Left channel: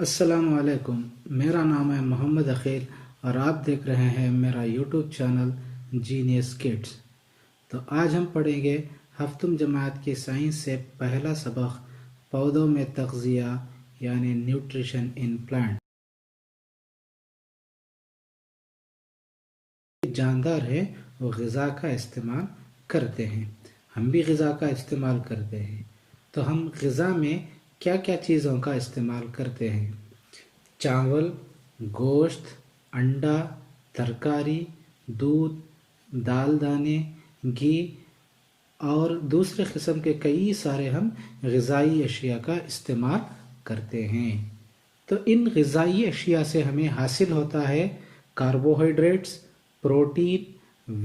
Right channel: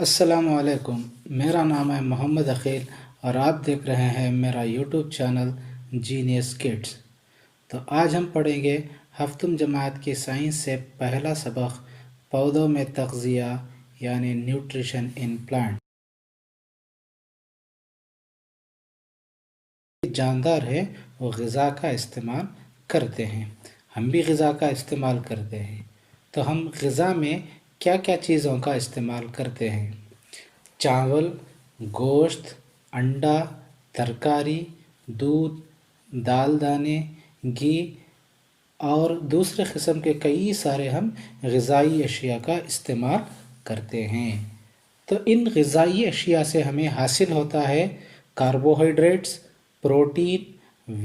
السلام علیکم، میرا نام ہے محمد عقیل اور آپ دیکھ رہے ہیں میرا یوٹیوب چینل جینیس کڈس۔ تو آج ہم پڑھیں گے ہفتم جماعت کی سائنس سے پہلا سبق پودوں میں تغذیہ یعنی نیوٹریشن ان پلانٹ۔ جاندار ہے وہ غذا کا استعمال کرتے ہیں، ہم بھی غذا کا استعمال کرتے ہیں۔ تو ہم غذا میں کیا کیا چیزوں کا استعمال کرتے ہیں؟ چاول، گوشت، انڈا، ترکاری، دودھ، دال دانے، گھی اور دوسرے قسم کے کئی سارے ہم غذائی اشیاء کا استعمال کرتے ہیں۔ تو ان غذائی اشیاء سے ہمیں حاصل ہوتا ہے کاربوہائیڈریٹس، پروٹین،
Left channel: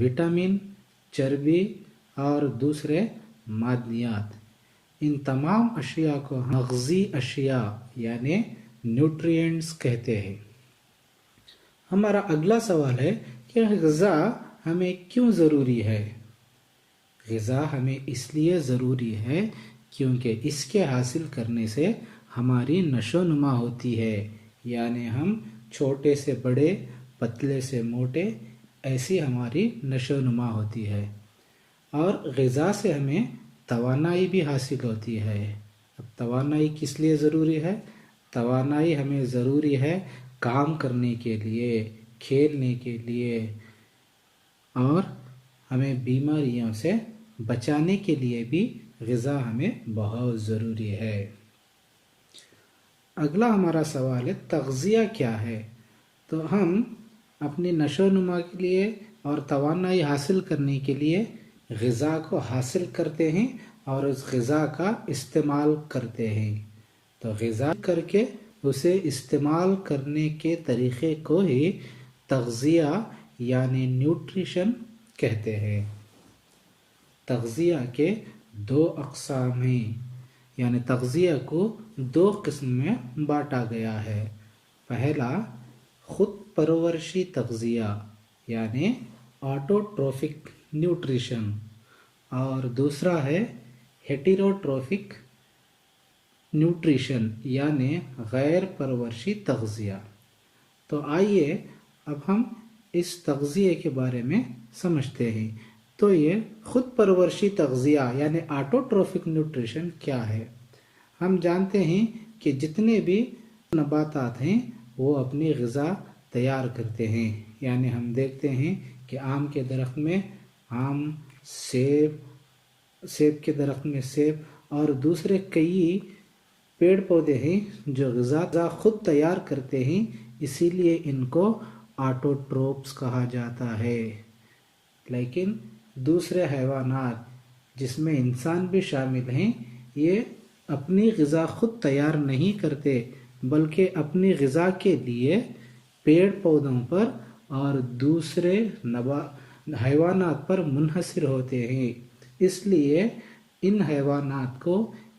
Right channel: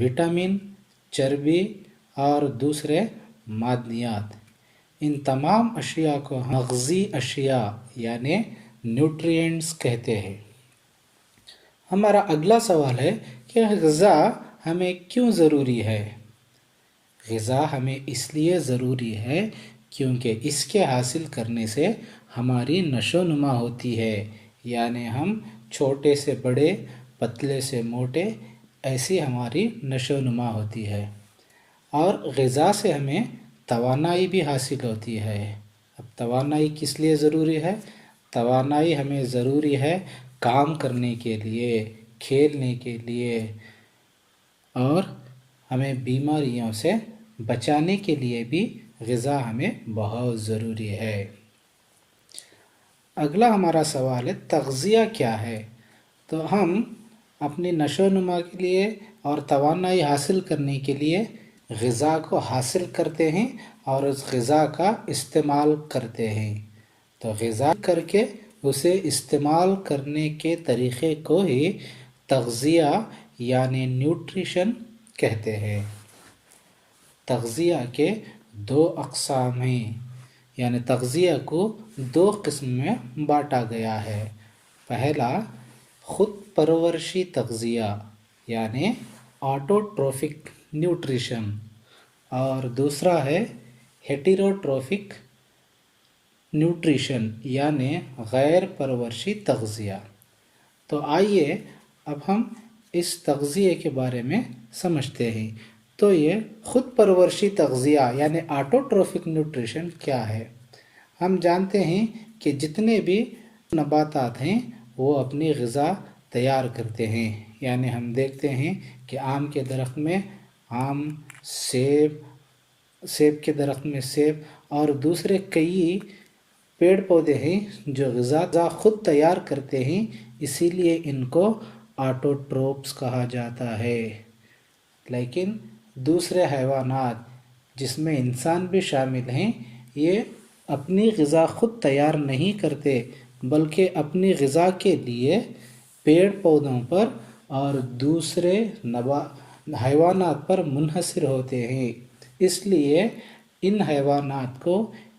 وٹامن، چربی اور دوسرے معدنیات۔ ان تمام اشیاء کو ہم مغذی اشیاء یعنی نیوٹرینٹس کہتے ہیں۔ ہمارا اگلا سوال ہے کہ غذا ہمیں کیوں ضروری ہے؟ غذا ہمیں اس لیے ضروری ہے کیونکہ اس کے حاصل کرنے سے ہماری نشو و نما ہوتی ہے، یعنی ہم چھوٹے سے بڑے، پتلے سے موٹے، ایسی ہماری نشو و نما ہوتی ہے۔ اور غذا سے ہمیں توانائی بھی حاصل ہوتی ہے۔ اب توانائی کس لیے ضروری ہے؟ توانائی ہمیں ضروری ہے کام کرنے کے لیے، کھیلنے کے لیے اور ہمیں بیماریوں سے بچانے کے لیے بھی غذا ہمیں بہت ضروری ہے۔ اگلا ہمارا سوال ہے تغذیہ کیا ہے؟ تو ہم اپنی نشو و نما کے لیے اور توانائی حاصل کرنے کے لیے غذا کو حاصل کرتے ہیں اور اس غذا کا استعمال کرتے ہیں۔ تو غذا کر کے اسے استعمال کرنے کے طریقے کو ہی تغذیہ یعنی نیوٹریشن کہتے ہیں۔ تغذیہ کے دو اقسام ہیں، یعنی تغذیہ کو دو قسم میں بانٹا گیا ہے۔ پہلا خود پرورشی تغذیہ یعنی آٹوٹروفک نیوٹریشن اور دوسرا ہے ہیٹیروٹروفک نیوٹریشن یعنی غیر پرورشی تغذیہ۔ تو آئیے اب ہم اس تغذیے کے بارے میں سمجھتے ہیں۔ تو یہ خود پرورشی تغذیہ یعنی آٹوٹروفک نیوٹریشن کیا ہے؟ ہم جانتے ہیں کہ جتنے بھی نباتات ہیں وہ اپنی غذا تیار کرتے ہیں، یعنی ہم دیکھتے ہیں کہ آم کے درخت میں آم، سیب کے درخت میں سیب اور دوسرے کئی پیڑ پودے ہیں جو غذا خود تیار کرتے ہیں، اسی لیے ان کو آٹوٹروپس کہا جاتا ہے۔ لیکن دوسرے حیوانات جس میں انسان بھی شامل ہیں یہ اپنی غذا خود تیار نہیں کرتے بلکہ اپنی غذا کے لیے پیڑ پودوں پر اور دوسرے حیوانات پر منحصر ہوتے ہیں، اس لیے ان حیوانات کو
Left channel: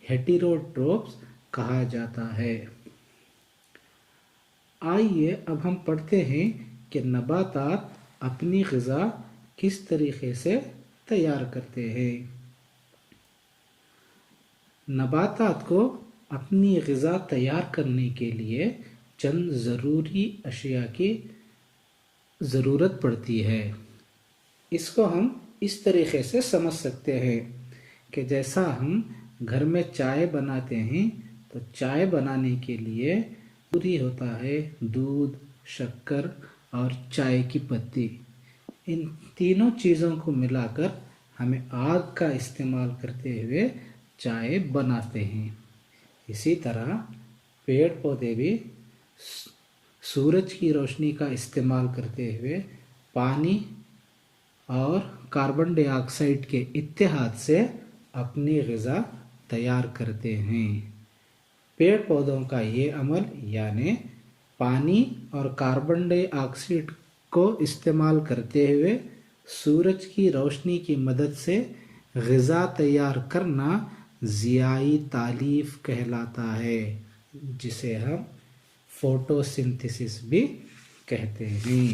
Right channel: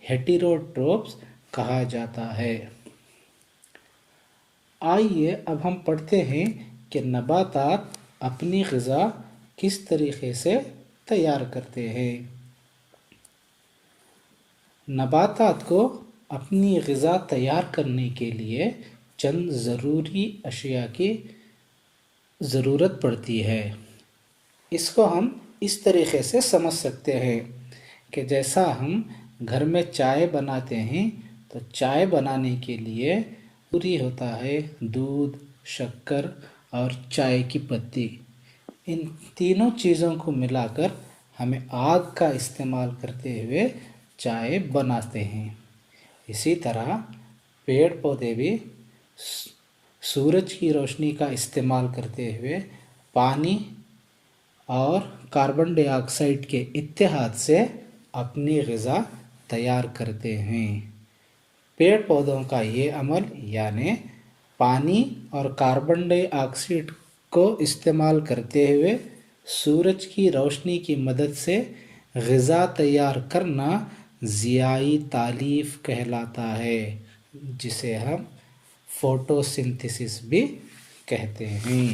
ہیٹیروٹروپس کہا جاتا ہے۔ آئیے اب ہم پڑھتے ہیں کہ نباتات اپنی غذا کس طریقے سے تیار کرتے ہیں۔ نباتات کو اپنی غذا تیار کرنے کے لیے چند ضروری اشیاء کی ضرورت پڑتی ہے۔ اس کو ہم اس طریقے سے سمجھ سکتے ہیں کہ جیسا ہم گھر میں چائے بناتے ہیں تو چائے بنانے کے لیے ضروری ہوتا ہے دودھ، شکر اور چائے کی پتی۔ ان تینوں چیزوں کو ملا کر ہمیں آگ کا استعمال کرتے ہوئے چائے بناتے ہیں۔ اسی طرح پیڑ پودے بھی سورج کی روشنی کا استعمال کرتے ہوئے پانی اور کاربن ڈائی آکسائڈ کے اتحاد سے اپنی غذا تیار کرتے ہیں۔ پیڑ پودوں کا یہ عمل یعنی پانی اور کاربن ڈائی آکسائڈ کو استعمال کرتے ہوئے سورج کی روشنی کی مدد سے غذا تیار کرنا ضیائی تالیف کہلاتا ہے، جسے ہم فوٹو سنتھسس بھی کہتے ہیں۔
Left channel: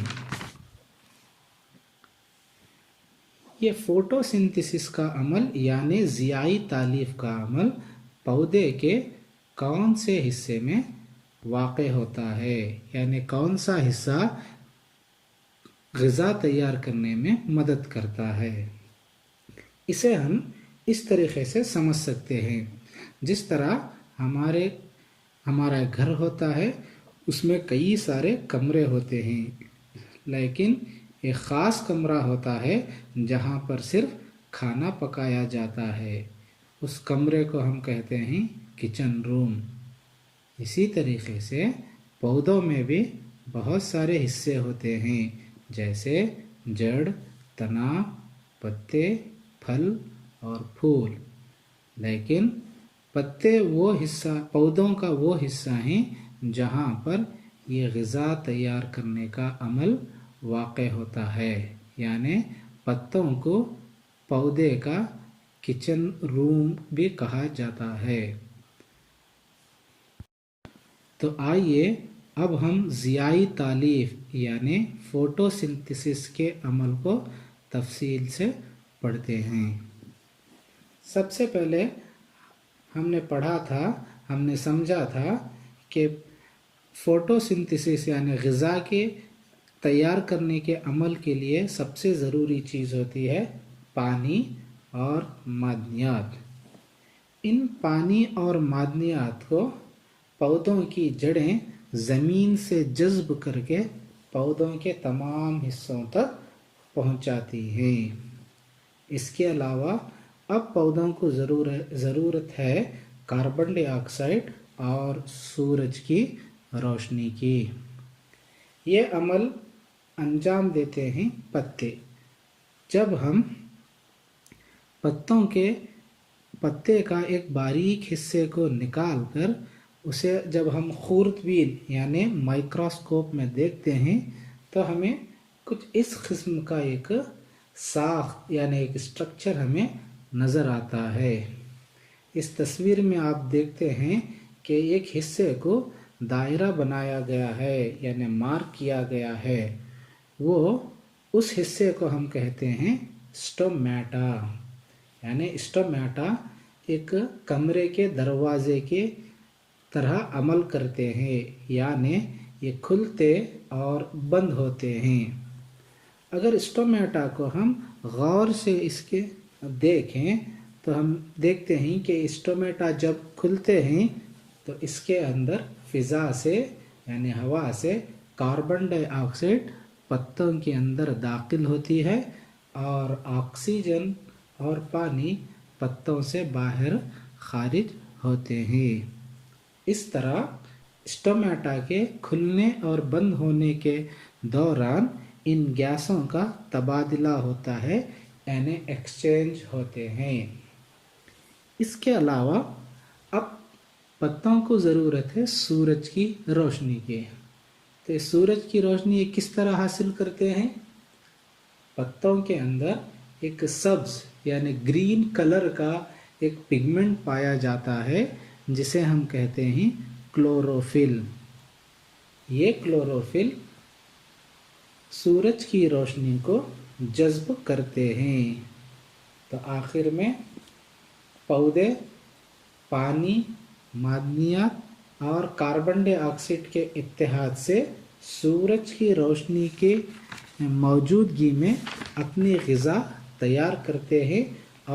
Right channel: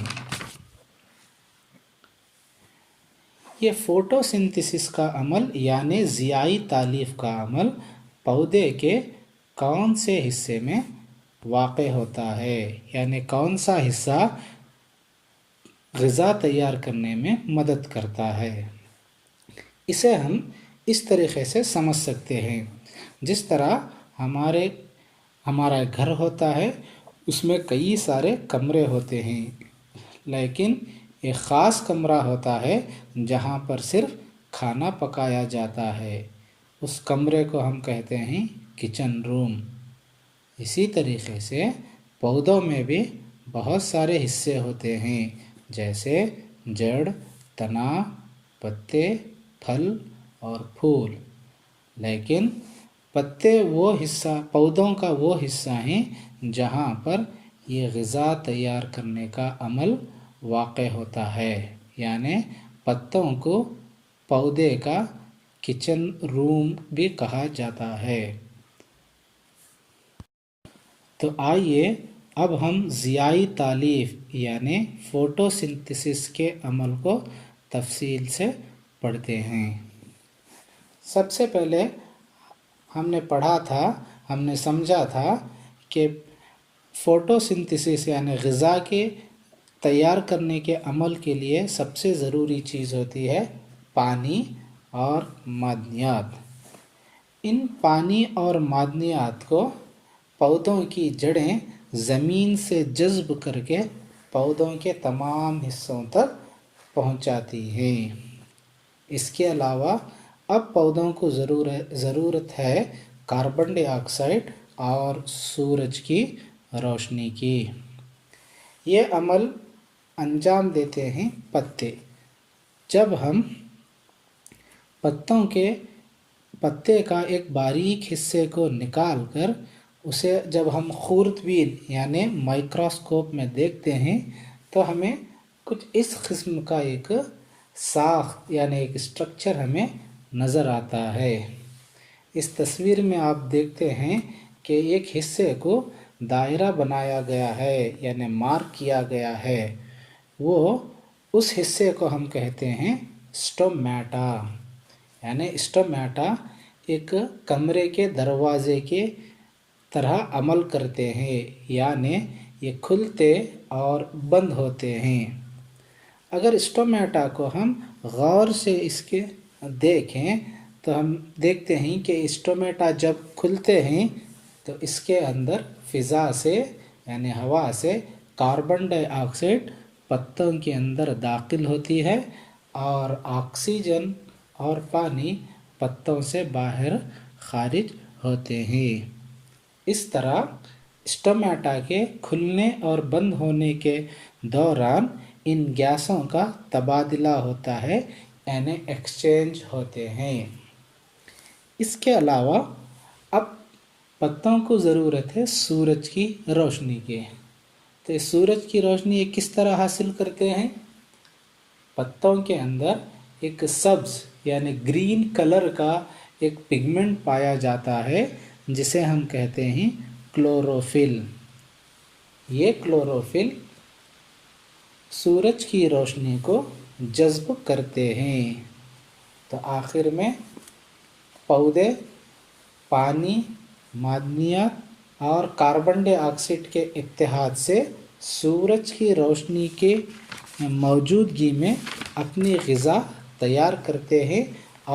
یہ فوٹو سنتھسس کا عمل یعنی ضیائی تالیف کا عمل پودے کے کون سے حصے میں واقع ہوتا ہے، یعنی کون سا حصہ غذا تیار کرنے میں مدد کرتا ہے۔ اسے ہم اس طریقے سے سمجھ سکتے ہیں، جس طرح ہمارا گھر ہوتا ہے، اس میں کئی سارے کمرے ہوتے ہیں، لیکن ایک خاص کمرہ ہوتا ہے جہاں پر صرف کھانا پکایا جاتا ہے، اس کمرے کو ہم کہتے ہیں کچن روم۔ اسی طریقے سے پودوں میں بھی بہت سارے حصے ہوتے ہیں، جیسے جڑ، تنا، پتے، پھل اور پھول، لیکن پودوں کا وہ حصہ ہیں جہاں پر یہ غذا تیار کرنے کا عمل واقع ہوتا ہے، یعنی پتوں کو پودے کا کچن روم بھی کہا جاتا ہے۔ تو آئیے اب ہم ضیائی تالیف یعنی فوٹو سنتھسس کے عمل کو تفصیل سے پڑھتے ہیں۔ سب سے پہلے ہم نے پڑھا تھا، ہم نے سمجھا تھا کہ فوٹو سنتھسس یعنی غذا کے تیار کرنے کے عمل کے لیے سب سے ضروری چیز ہوتی ہے پانی اور معدنیات۔ ان پانی اور معدنیات کو پودوں کی جڑیں زمین سے جذب کر کے پودوں کے تمام حصوں تک پہنچاتی ہیں۔ اس کے علاوہ اب پودوں کو ضرورت ہے کاربن ڈائی آکسائڈ اور سورج کی روشنی کی۔ یہ عمل انجام دیتے ہیں پتے۔ جب ہم پتے کا ایک باریک حصے کو نکال کر اسے جب ہم خوردبین یعنی مائکروسکوپ میں دیکھتے ہیں تو ہمیں کچھ اس قسم کا ایک ساخت یعنی ایک اسٹرکچر ہمیں نظر آتا ہے۔ اس تصویر میں آپ دیکھتے ہیں کہ ایک حصے کو دائرہ بنایا گیا ہے یعنی مارک کیا گیا ہے، وہ اس حصے کو ہم کہتے ہیں اسٹومیٹا، یعنی اسٹومیٹا ایک کمرے کے دروازے کے طرح عمل کرتے ہیں، یعنی یہ کھلتے اور بند ہوتے ہیں۔ اگر اسٹومیٹا کو ہم غور سے اس کے دیکھیں تو ہم دیکھتے ہیں کہ اسٹومیٹا جب کھلتے ہیں تو اس کے اندر فضا سے یعنی ہوا سے کاربن ڈائی آکسائڈ پتوں کے اندر داخل ہوتی ہے اور آکسیجن اور پانی پتوں سے باہر خارج ہوتے ہیں۔ اس طرح اسٹومیٹا کے کھلنے اور بند ہونے کے دوران ان گیسوں کا تبادلہ ہوتا ہے یعنی ایکسچینج ہوتے ہیں۔ اس کے علاوہ اب پتوں کو ضرورت ہے سورج کی روشنی کی۔ تو سورج کی روشنی یہ کس طرح حاصل کرتے ہیں؟ پتوں کے اندر ایک سبز یعنی گرین کلر کا ایک پگمنٹ پایا جاتا ہے جسے ہم کہتے ہیں کلوروفل۔ یہ کلوروفل سورج کی روشنی کو جذب کرتے ہیں۔ تو آخر میں پودے پانی، معدنیات اور کاربن ڈائی آکسائڈ کے اتحاد سے سورج کی روشنی کے موجودگی میں اپنی غذا تیار کرتے ہیں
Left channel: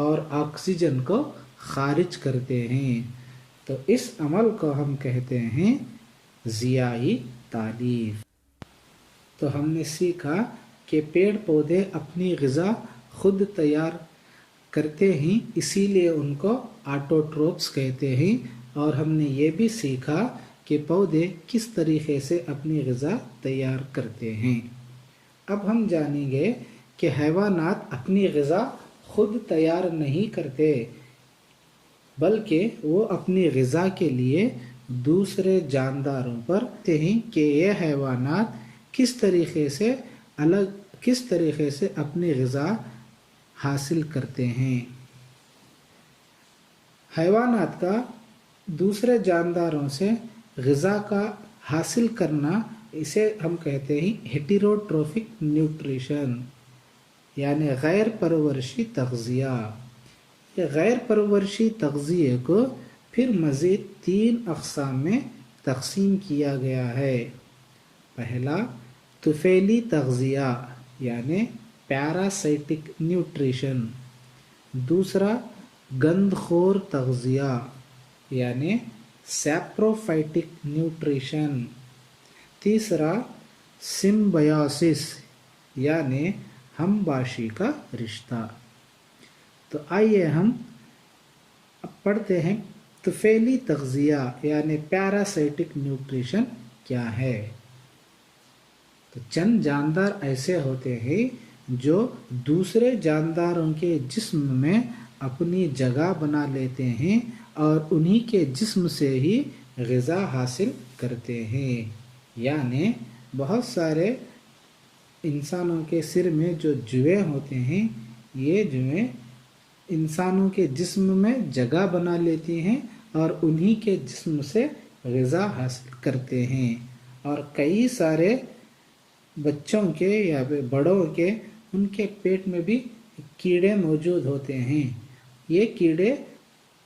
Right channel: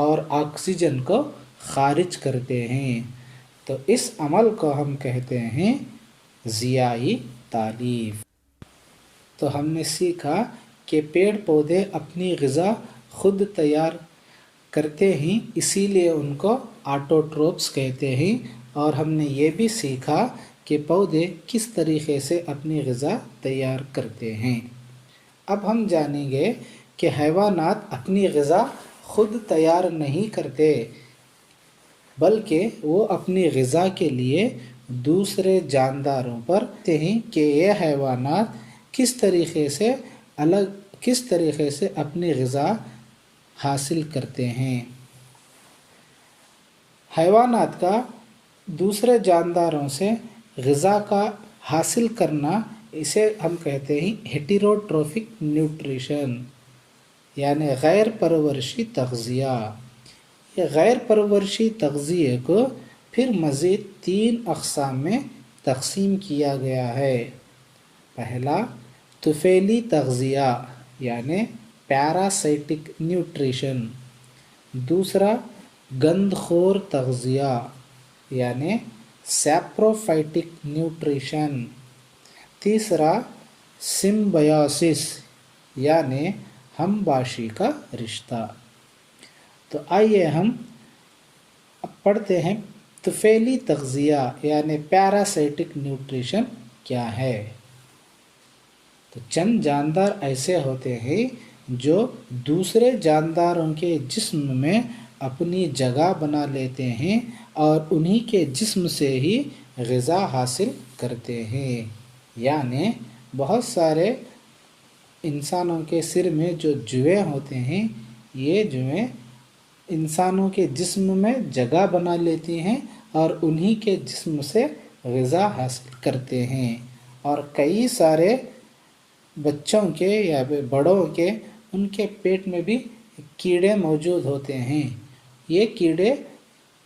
اور آکسیجن کو خارج کرتے ہیں۔ تو اس عمل کو ہم کہتے ہیں ضیائی تالیف۔ تو ہم نے سیکھا کہ پیڑ پودے اپنی غذا خود تیار کرتے ہیں، اسی لیے ان کو آٹوٹروپس کہتے ہیں، اور ہم نے یہ بھی سیکھا کہ پودے کس طریقے سے اپنی غذا تیار کرتے ہیں۔ اب ہم جانیں گے کہ حیوانات اپنی غذا خود تیار نہیں کرتے، بلکہ وہ اپنی غذا کے لیے دوسرے جانداروں پر کہتے ہیں کہ یہ حیوانات کس طریقے سے اپنی غذا حاصل کرتے ہیں۔ حیوانات کا دوسرے جانداروں سے غذا کا حاصل کرنا، اسے ہم کہتے ہیں ہیٹیروٹروفک نیوٹریشن یعنی غیر پرورشی تغذیہ۔ یہ غیر پرورشی تغذیے کو پھر مزید 3 اقسام میں تقسیم کیا گیا ہے۔ پہلا طفیلی تغذیہ یعنی پیراسائٹک نیوٹریشن، دوسرا گند خور تغذیہ یعنی سیپروفائٹک نیوٹریشن، تیسرا سمبیوسس یعنی ہم باشی کا رشتہ۔ تو آئیے ہم اب پڑھتے ہیں طفیلی تغذیہ یعنی پیراسائٹک نیوٹریشن کیا ہے۔ تو چند جاندار ایسے ہوتے ہیں جو دوسرے جانداروں کے جسم میں اپنی جگہ بنا لیتے ہیں اور انہی کے جسم سے ہی غذا حاصل کرتے ہیں۔ یعنی بہت سارے انسانوں کے سر میں جو جوئیں ہوتے ہیں، یہ جوئیں انسانوں کے جسم میں جگہ بنا لیتی ہیں اور انہی کے جسم سے غذا حاصل کرتے ہیں، اور کئی سارے بچوں کے یا بڑوں کے ان کے پیٹ میں بھی کیڑے موجود ہوتے ہیں۔ یہ کیڑے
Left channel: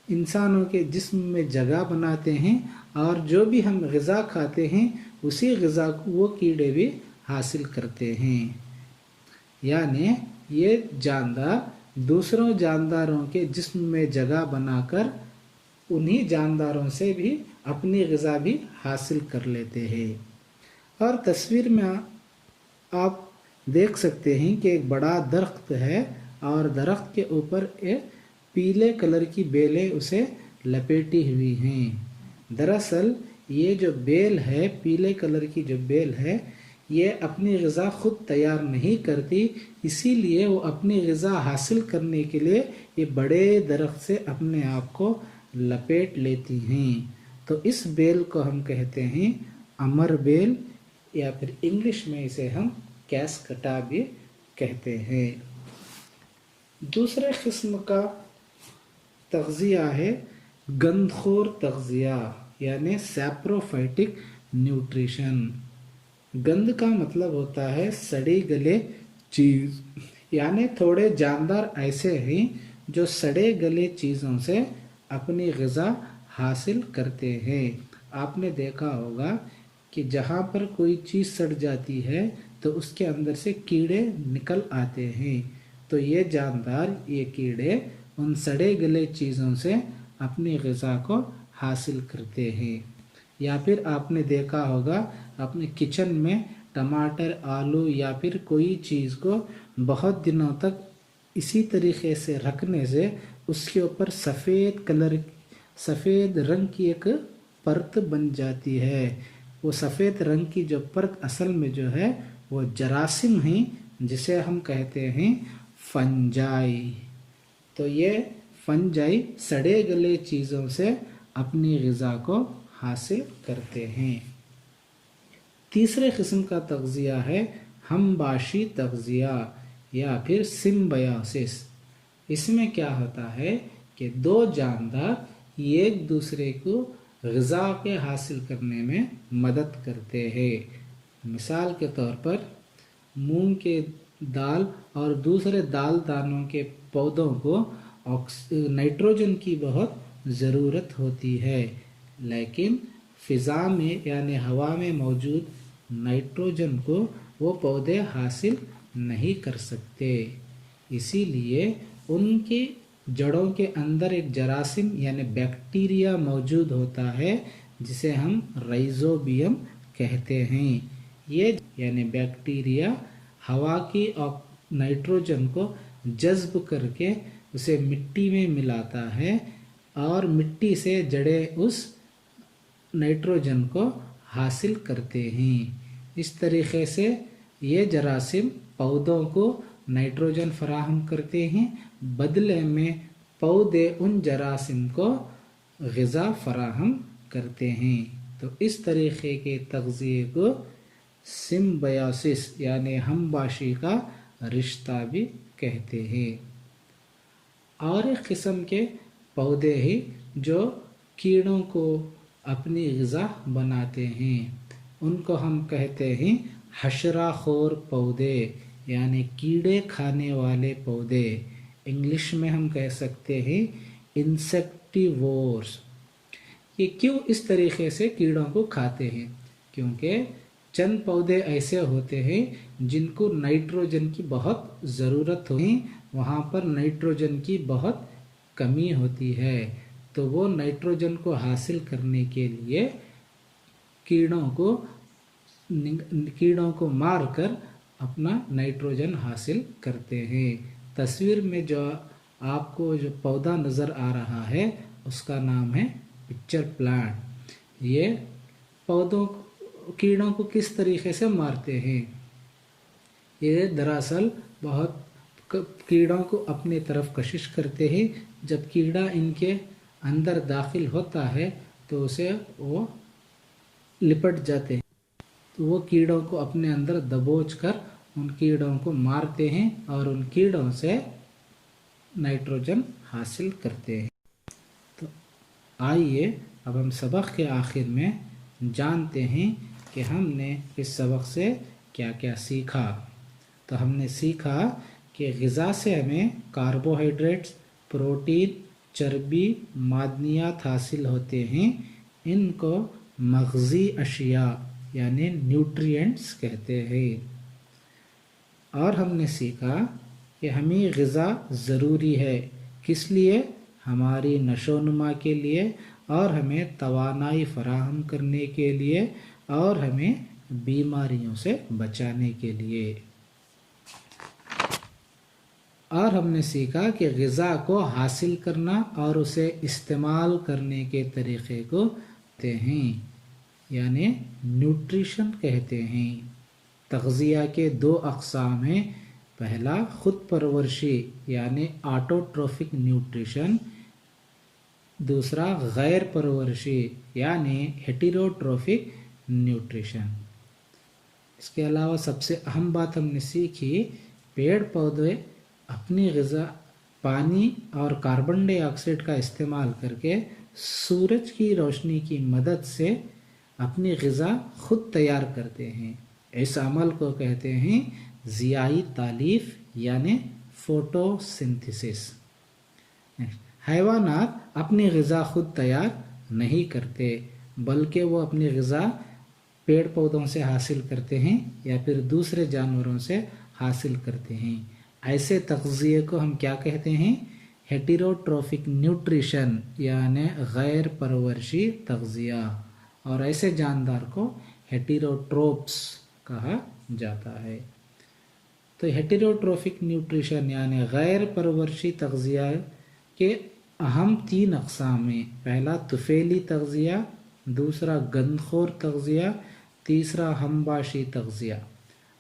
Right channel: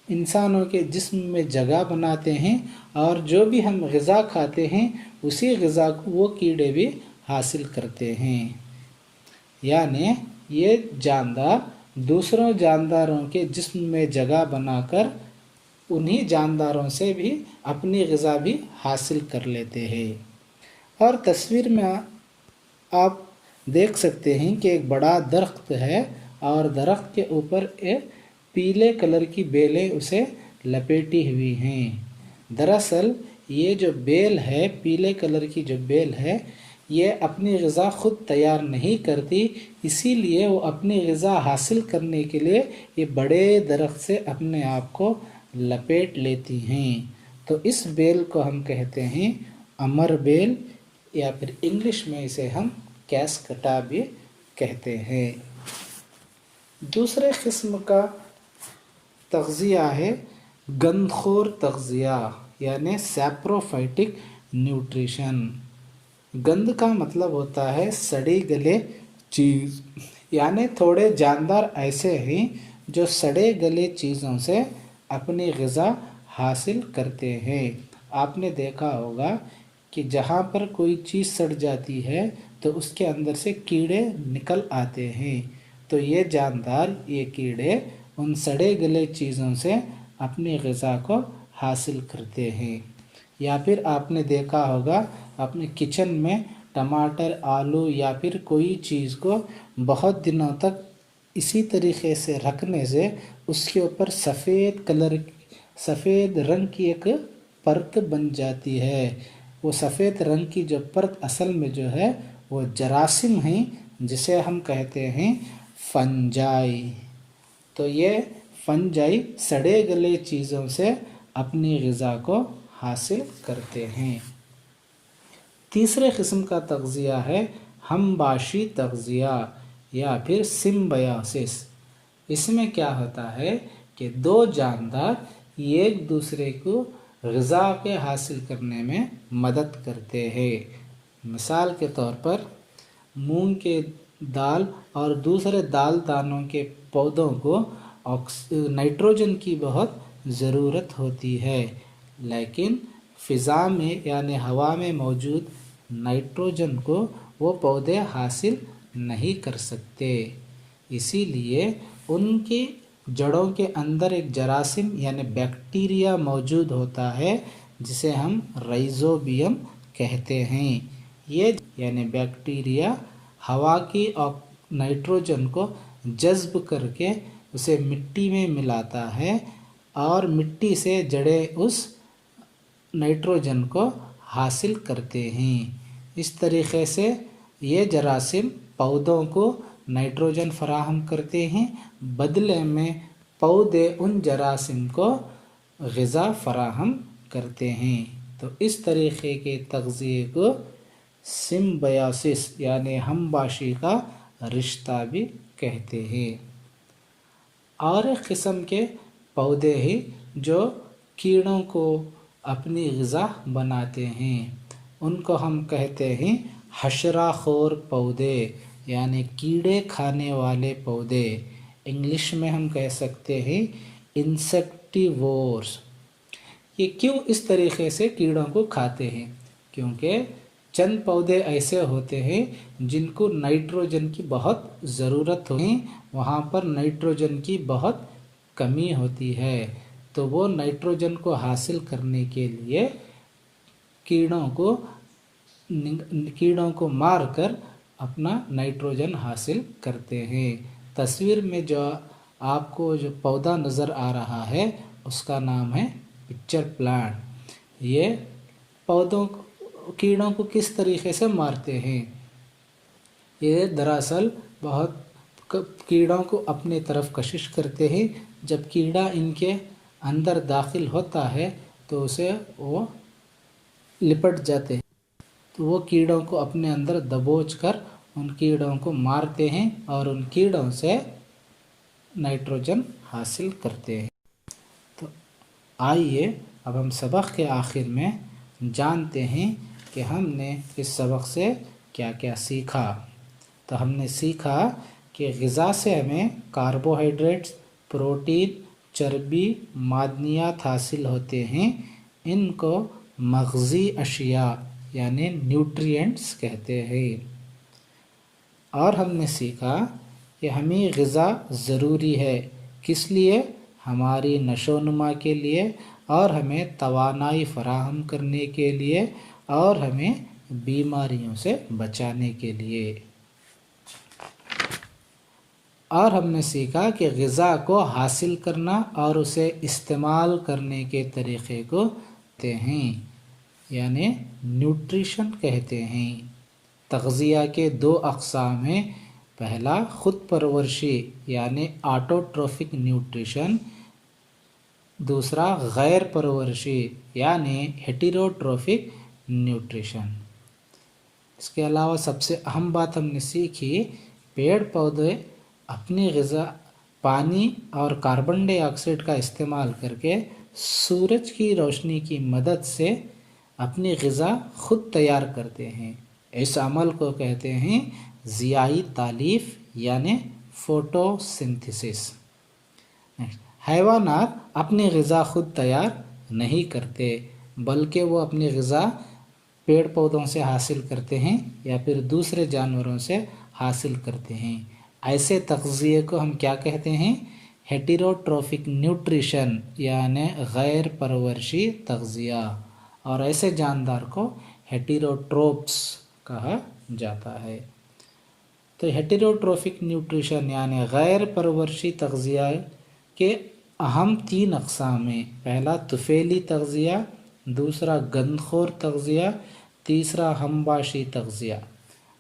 انسانوں کے جسم میں جگہ بناتے ہیں اور جو بھی ہم غذا کھاتے ہیں اسی غذا کو وہ کیڑے بھی حاصل کرتے ہیں۔ یعنی یہ جاندار دوسروں جانداروں کے جسم میں جگہ بنا کر انہی جانداروں سے بھی اپنی غذا بھی حاصل کر لیتے ہیں۔ اور تصویر میں آپ دیکھ سکتے ہیں کہ ایک بڑا درخت ہے اور درخت کے اوپر ایک پیلے کلر کی بیلیں اسے لپیٹی ہوئی ہیں۔ دراصل یہ جو بیل ہے، پیلے کلر کی جو بیل ہے، یہ اپنی غذا خود تیار نہیں کرتی، اسی لیے وہ اپنی غذا حاصل کرنے کے لیے یہ بڑے درخت سے اپنے آپ کو لپیٹ لیتی ہیں۔ تو اس بیل کو ہم کہتے ہیں امر بیل، یا پھر انگلش میں اسے ہم کیسکٹا بھی کہتے ہیں۔ دوسرے قسم کا تغذیہ ہے گند خور تغذیہ یعنی سیپروفائٹک نیوٹریشن۔ گند کا مطلب ہوتا ہے سڑی گلے چیز، یعنی تھوڑے جاندار ایسے ہیں جو سڑے گلے چیزوں سے اپنی غذا حاصل کرتے ہیں۔ آپ نے دیکھا ہوگا کہ جہاں پر کوئی چیز سڑ جاتی ہے تو اس کے اندر سے کیڑے نکل آتے ہیں، تو یہ جاندار، یہ کیڑے ان سڑے گلے چیزوں سے اپنی غذا کو حاصل کرتے ہیں۔ یا پھر آپ نے دیکھا ہوگا اپنے کچن میں ٹماٹر، آلو یا پھر کوئی چیز کو بہت دنوں تک اسی طریقے سے رکھنے سے اس کے اوپر سفید رنگ کی ایک پرت بن جاتی ہے۔ وہ سفید رنگ کی جو پرت اصل میں جو ہے وہ جراثیم ہیں، جسے ہم کہتے ہیں فنجائی۔ تو یہ فنجائی سڑے گلے چیزوں سے اپنی غذا کو حاصل کرتے ہیں۔ تیسرے قسم کا تغذیہ ہے ہم باشی تغذیہ یا پھر سمبیوسس۔ اس میں کیا ہوتا ہے کہ دو جاندار ایک دوسرے کو غذا کے حاصل کرنے میں مدد کرتے ہیں۔ مثال کے طور پر مونگ کے دال اور دوسرے دال دانوں کے پودوں کو نائٹروجن کی بہت ضرورت ہوتی ہے، لیکن فضا میں یعنی ہوا میں موجود نائٹروجن کو وہ پودے حاصل نہیں کر سکتے، اسی لیے ان کی جڑوں کے اندر ایک جراثیم یعنی بیکٹیریا موجود ہوتا ہے جسے ہم رائزوبیم کہتے ہیں۔ یہ یعنی بیکٹیریا ہوا کی نائٹروجن کو جذب کر کے اسے مٹی میں ملاتا ہے اور مٹی سے جڑیں اس نائٹروجن کو حاصل کرتے ہیں۔ اس طریقے سے یہ جراثیم پودوں کو نائٹروجن فراہم کرتے ہیں، بدلے میں پودے ان جراثیم کو غذا فراہم کرتے ہیں۔ تو اس طریقے کے تغذیے کو سمبیوسس یعنی ہم باشی کا رشتہ بھی کہتے ہیں۔ اور ایک قسم کے پودے ہیں جو کیڑوں کو اپنی غذا بناتے ہیں، ان کو ہم کہتے ہیں حشرہ خور پودے یعنی کیڑے کھانے والے پودے۔ انگلش میں ہم کہہ سکتے ہیں انسیکٹیوورس۔ یہ کیوں اس طریقے سے کیڑوں کو کھاتے ہیں؟ کیونکہ چند پودے ایسے ہوتے ہیں جن کو نائٹروجن کی بہت ضرورت ہوتی ہے، وہاں پر نائٹروجن کی بہت کمی ہوتی ہے، تو وہ نائٹروجن کو حاصل کرنے کے لیے کیڑوں کو مار کر اپنا نائٹروجن حاصل کرتے ہیں۔ تصویر میں جو آپ کو جو پودا نظر آ رہا ہے اس کا نام ہے پکچر پلانٹ۔ یہ کیڑوں کو کس طریقے سے مارتے ہیں؟ یہ دراصل بہت کیڑوں کو اپنے طرف کشش کرتے ہیں، جب کیڑا ان کے اندر داخل ہوتا ہے تو اسے وہ لپٹ جاتے ہیں، تو وہ کیڑوں کو اپنے اندر دبوچ کر ان کیڑوں کو مارتے ہیں اور ان کیڑوں سے نائٹروجن حاصل کرتے ہیں۔ تو آئیے اب ہم سبق کے آخر میں جانتے ہیں کہ ہم نے اس سبق سے کیا کیا سیکھا۔ تو ہم نے سیکھا کہ غذا سے ہمیں کاربوہائیڈریٹس، پروٹین، چربی، معدنیات حاصل ہوتے ہیں، ان کو مغذی اشیاء یعنی نیوٹرینٹس کہتے ہیں۔ اور ہم نے سیکھا کہ ہمیں غذا ضروری ہے، کس لیے؟ ہماری نشو و نما کے لیے، اور ہمیں توانائی فراہم کرنے کے لیے، اور ہمیں بیماریوں سے بچانے کے لیے۔ اور ہم نے سیکھا کہ غذا کو حاصل کرنا اور اسے استعمال کرنے کے طریقے کو کہتے ہیں، یعنی نیوٹریشن کہتے ہیں۔ تغذیہ کے 2 اقسام ہیں، پہلا خود پرورشی یعنی آٹوٹروفک نیوٹریشن، دوسرا غیر پرورشی یعنی ہیٹیروٹروفک نیوٹریشن۔ اس کے علاوہ سب سے اہم بات ہم نے سیکھی، پیڑ پودے اپنی غذا پانی اور کاربن ڈائی آکسائڈ کا استعمال کر کے سورج کی روشنی کی مدد سے اپنی غذا خود تیار کرتے ہیں۔ اس عمل کو کہتے ہیں ضیائی تالیف یعنی فوٹو سنتھسس۔ حیوانات اپنی غذا خود تیار نہیں کرتے، بلکہ وہ اپنی غذا پیڑ پودوں سے حاصل کرتے ہیں یا پھر دوسرے جانوروں سے حاصل کرتے ہیں۔ ایسے تغذیے کو ہم کیا کہتے ہیں؟ ہیٹیروٹروفک نیوٹریشن یعنی غیر پرورشی تغذیہ، اور ایسے جاندار کو ہیٹیروٹروپس کہا جاتا ہے۔ تو ہیٹیروٹروفک نیوٹریشن یعنی غیر پرورشی تغذیہ کے اہم 3 اقسام ہیں، پہلا طفیلی تغذیہ، دوسرا گندخور تغذیہ، تیسرا ہمباشی تغذیہ۔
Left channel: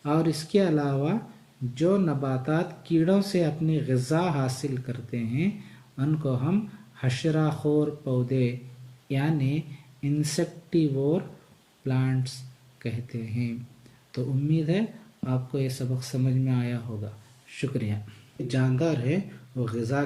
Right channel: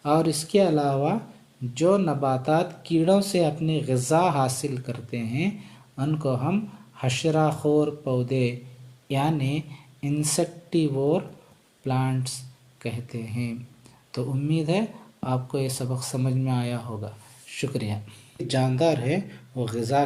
اور اس کے علاوہ جو نباتات کیڑوں سے اپنی غذا حاصل کرتے ہیں ان کو ہم حشرہ خور پودے یعنی انسیکٹیوور پلانٹس کہتے ہیں۔ تو امید ہے آپ کو یہ سبق سمجھ میں آیا ہوگا۔ شکریہ۔ جاندار ہے وہ غذا